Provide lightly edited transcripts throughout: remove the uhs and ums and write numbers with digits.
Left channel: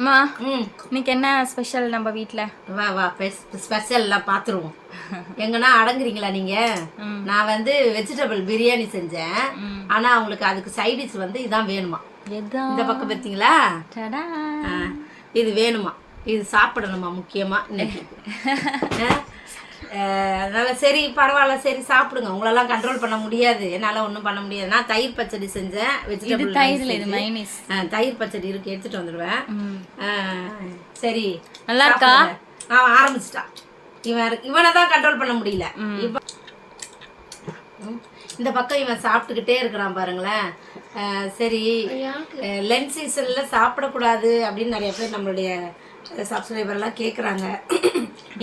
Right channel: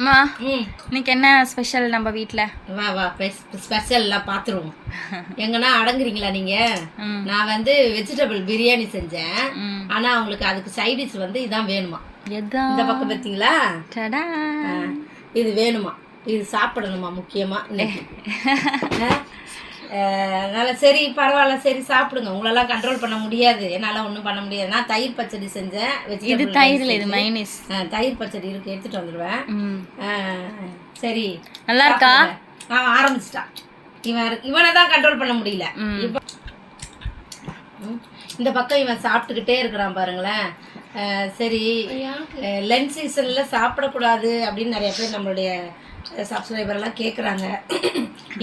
அம்மா இன்னைக்கு என்ன ஸ்பெஷல் நம்ம வீட்டில்? வா வா ஸ்பெஷல்லாம் பார்த்துருவோம். எங்கன்னா அடங்குறீங்களா நீங்கள்? நான் வந்து வெஜிடபிள் பிரியாணி செஞ்சேன். ஆனால் அவங்களுக்கு அதுக்கு சைடிஷ் வந்து இதான் வேணுமா. இந்த பக்கம் பார்த்தீங்களா, இது வேணுமா, இது சாப்பிடணுமா முக்கியமாக இன்னைக்கு. அதனால சரி பரவாயில்ல, சரி சாப்பிடுங்க. உங்களெல்லாம் கண்ட்ரோல் பண்ண முடியாது, என்னால் ஒன்றும் பண்ண முடியாது. நான் தயிர் பச்சடி செஞ்சேன். வெஜிடபிள் தயிர் பச்சடி இருக்கு, எடுத்துட்டு வந்துடுவேன். சரி நல்லா இருக்கா? அவன் ஆரம்பிச்சிட்டான். இவனை தான் கண்ட்ரோல் பண்ண முடியல. இப்போ இந்த பக்கம் இவன் சாப்பிட்டுக்கிட்டே இருக்கிறான் பாருங்களேன். சரி, லஞ்ச் சீசனில் சாப்பிடக்கூடாது அப்படின்னு நிறைய பேர் நம்மளுடைய சப்ஸ்கிரைபர்லாம் கேட்குறாங்க,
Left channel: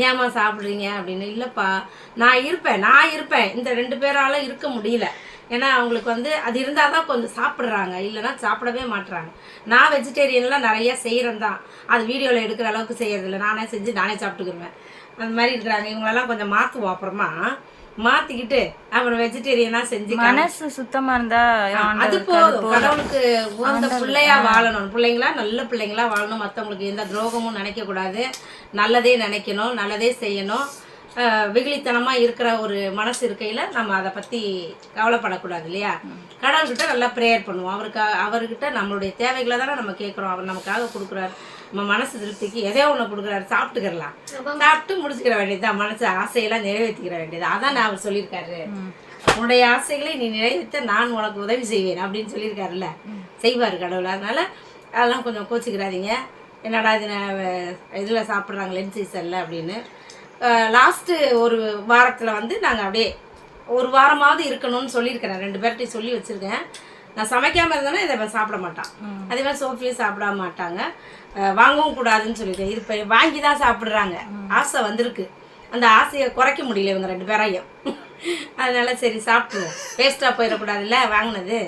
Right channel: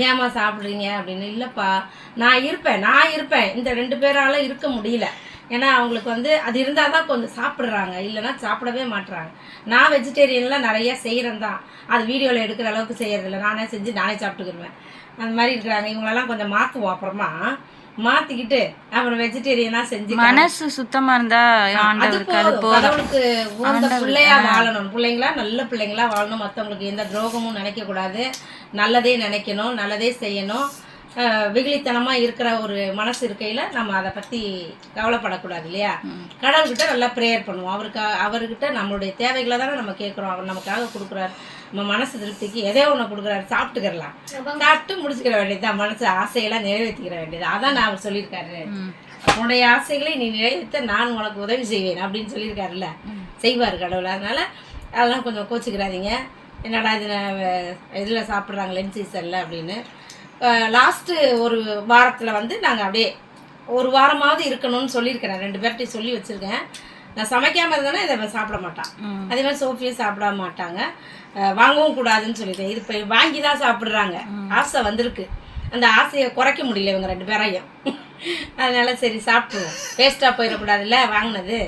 ஏமா சாப்பிட்றீங்க அப்படின்னு. இல்லைப்பா, நான் இருப்பேன் இந்த 2 பேரால் இருக்க முடியல. ஏன்னா அவங்களுக்கு வந்து அது இருந்தால் தான் கொஞ்சம் சாப்பிட்றாங்க, இல்லைன்னா சாப்பிடவே மாட்டுறாங்க. நான் வெஜிடேரியன்லாம் நிறையா செய்கிறேன் தான், அது வீடியோவில் எடுக்கிற அளவுக்கு செய்கிறதில்ல. நானே செஞ்சு நானே சாப்பிட்டுக்கிடுவேன். அந்த மாதிரி இருக்கிறாங்க. இவங்களெல்லாம் கொஞ்சம் மாற்றுவோம், அப்புறமா மாற்றிக்கிட்டு அப்புறம் வெஜிடேரியனாக செஞ்சு மனசு சுத்தமாக இருந்தால் அது கடவுளுக்கு உகந்த பிள்ளையா வாழணும். பிள்ளைங்களா நல்ல பிள்ளைங்களா வாழணும். மற்றவங்களுக்கு எந்த துரோகமும் நினைக்கக்கூடாது, நல்லதே நினைக்கணும், நல்லதே செய்யணும். வெகுளித்தனமாக இருக்கிற ஒரு மனசு இருக்கையில் நம்ம அதை பற்றி கவலைப்படக்கூடாது இல்லையா. கடவுள்கிட்ட நல்லா ப்ரேயர் பண்ணுவோம். அவர்கிட்ட நம்மளுடைய தேவைகளை தானே நம்ம கேட்குறோம். அவர் நமக்காக கொடுக்குறாரு. நம்ம மனசு திருப்திக்கு எதையோ ஒன்று கொடுக்குறாரு, சாப்பிட்டுக்கிறலாம். சாப்பிட்டு முடிச்சுக்கிற வேண்டியதுதான், மனசு ஆசையெல்லாம் நிறைவேற்றிக்கிற வேண்டியது. அதான் நான் அவர் சொல்லியிருக்காரு, உன்னுடைய ஆசைகளை நீ நிறைவேற்ற நான் உனக்கு உதவி செய்வேன் அப்படின்னு சொல்லியிருக்காருல்ல. செய்வார் கடவுள். அதனால் அதெல்லாம் கொஞ்சம் கோச்சிக்கிறாதீங்க. என்னடா இது இதில் சாப்பிட்றாங்க லஞ்ச் சீசனில் அப்படின்னு. லாஸ்ட்டு ஒரு வாரத்தில் வந்து நாங்கள் அப்படியே ஒரு வாரமாவது இருக்கணும்னு சொல்லியிருக்கிறேன். 2 பேர்கிட்டையும் சொல்லி வச்சுருக்கேன். நான் சமைக்காமல் இருந்தேன்னா இதை சாப்பிட மாட்டான். அதே மாதிரி சோஃபியும் சாப்பிட மாட்டாங்க, வாங்கவும் கூடாதுன்னு சொல்லியிருக்கேன். இது இப்போ வாங்கி தான் சாப்பிட்றாங்க. ஆசை வந்திருக்கு, அந்த ஆசையை குறைக்க முடியல இவங்க 2 பேரையும். அதனால சரி சாப்பிடுவோம், வேஸ்ட்டாக போயிடக்கூடாதுல்ல வாங்கினது.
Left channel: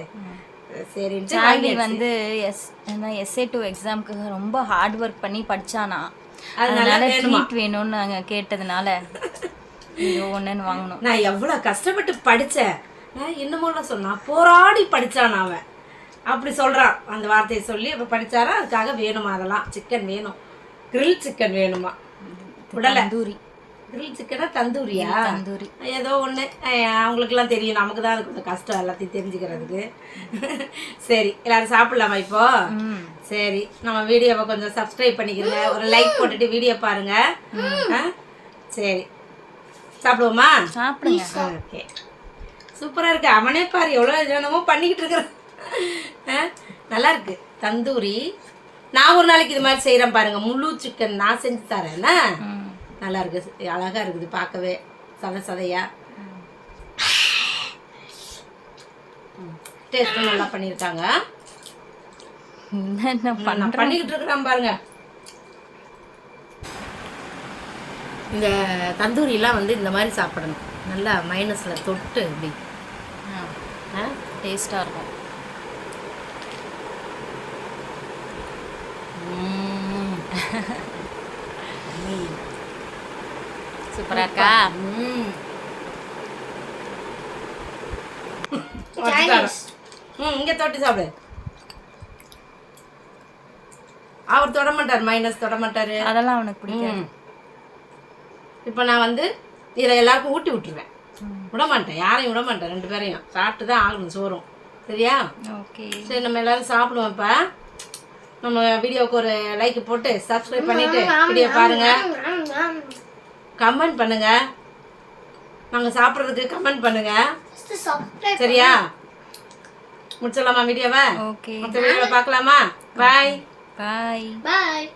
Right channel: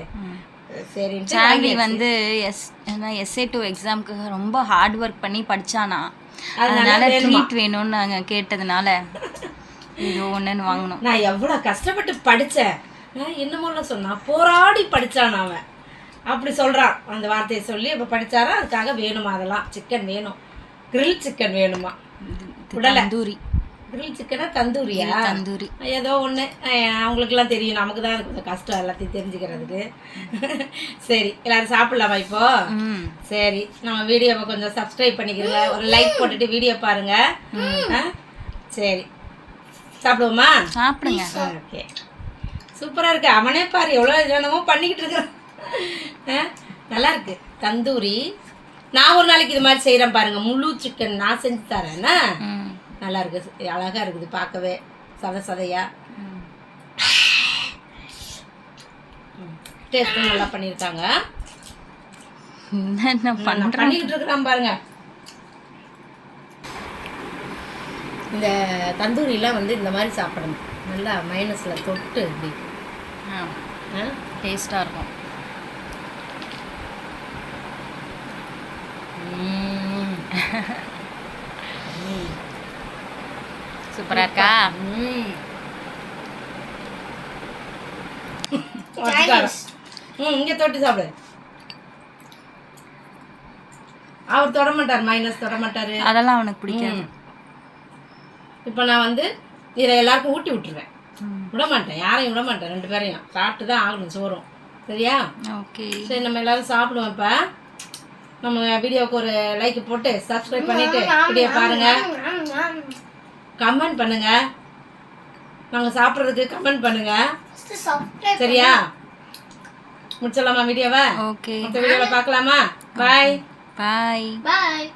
சரின்ட்டு சாவி வந்து எஸ்ஏ 2 எக்ஸாமுக்கு ரொம்ப ஹார்ட் ஒர்க் பண்ணி படித்தானா, அதனால ட்ரீட் வேணும்னு நாங்கள் கேட்டதுனால இது ஒன்றுன்னு வாங்கினோம். நான் எவ்வளோ கஷ்டப்பட்டு படித்தேன், இன்னமும் சொன்னான், போராடி படித்தான் அவன். அப்படி சொல்கிறான், அந்த வார்த்தையை சொல்லி இப்போ படித்தாரா. அதுக்காக வேணுமா, அதெல்லாம் சிக்கன் வேணும், கிரில் சிக்கன் வேணுமா. தந்தூரி கிரில் சிக்கனா தந்தூரியா? தந்தூரி ஏதோ ஒன்று. அவங்களுக்குலாம் தெரியும், நமக்கு தான் அது கொஞ்சம் கஷ்டம் எல்லாத்தையும் தெரிஞ்சுக்கிறதுக்கு. சரி எல்லாரும் சாப்பிட்லாமா இப்போ? சரி, நம்ம வீடியோவை கொஞ்சம் சப்ஸ்கிரைப் பண்ணிக்கிறங்க, ஒரு லைக் போட்டுட்டு வீடியோ பாருங்க. சரி சாப்பிடுவோமா? சாப்பிடுங்க. ஓகே, சூப்பராக இருக்கு. அவனே பாரு எவ்வளோ என்னமோ பண்ணிக்கிட்டு இருக்கிறான். நல்லா இருக்கு தந்தூரி. நான் ஒரு நாளைக்கு இது மாதிரி செய்கிறேன் பாருங்க, முழு சிக்கன் நான் செஞ்சு தரேன்னா. நல்லா இருக்குது, அழகாக இருக்குது பார்க்கவே, சதையா. டேஸ்ட்டும் நல்லா பண்ணியிருக்காங்க. பண்ணிக்கிட்டு இருக்கிறான் பாருங்க. இந்த தந்தூரிலாம் வந்து இந்த மாதிரி சாப்பிடணும், நல்லா மைனஸில் தொட்டு இப்படி டேஸ்ட்டாக இருக்கும். சூப்பராக இருக்கா? இங்கே தொட்டு சாப்பிடு. அவர் தொட மாட்டார், மைனஸ் தொட மாட்டார், அதெல்லாம் அவனுக்கு பிடிக்காது. இப்போ நான் வந்து இதை எல்லாருக்கும் ஊட்டி விட்டுருவேன், விட மாட்டேன், யாரையும் விட மாட்டேன். 2 பேரையும் சாப்பிட்டு தான் ஆகணும், சோறும். சரியா? ஓகே, சரி நம்ம எல்லாரும் சாப்பிடுவோம். இப்போ நம்ம வீடியோவுக்கு ஒரு லைக் போட்டு சப்ஸ்கிரைப் பண்ணிட்டு வீடியோ பாருங்க, கமெண்ட் பண்ணுங்க. நாங்கள் சாப்பிட்றதுக்கு கமெண்ட் பண்ணுங்க. சரியா? முடிச்சிடலாமா வீடியோவை? ஓகே, மற்ற வீடியோவில் பார்க்கலாமா? பாய் பாய் பாய்.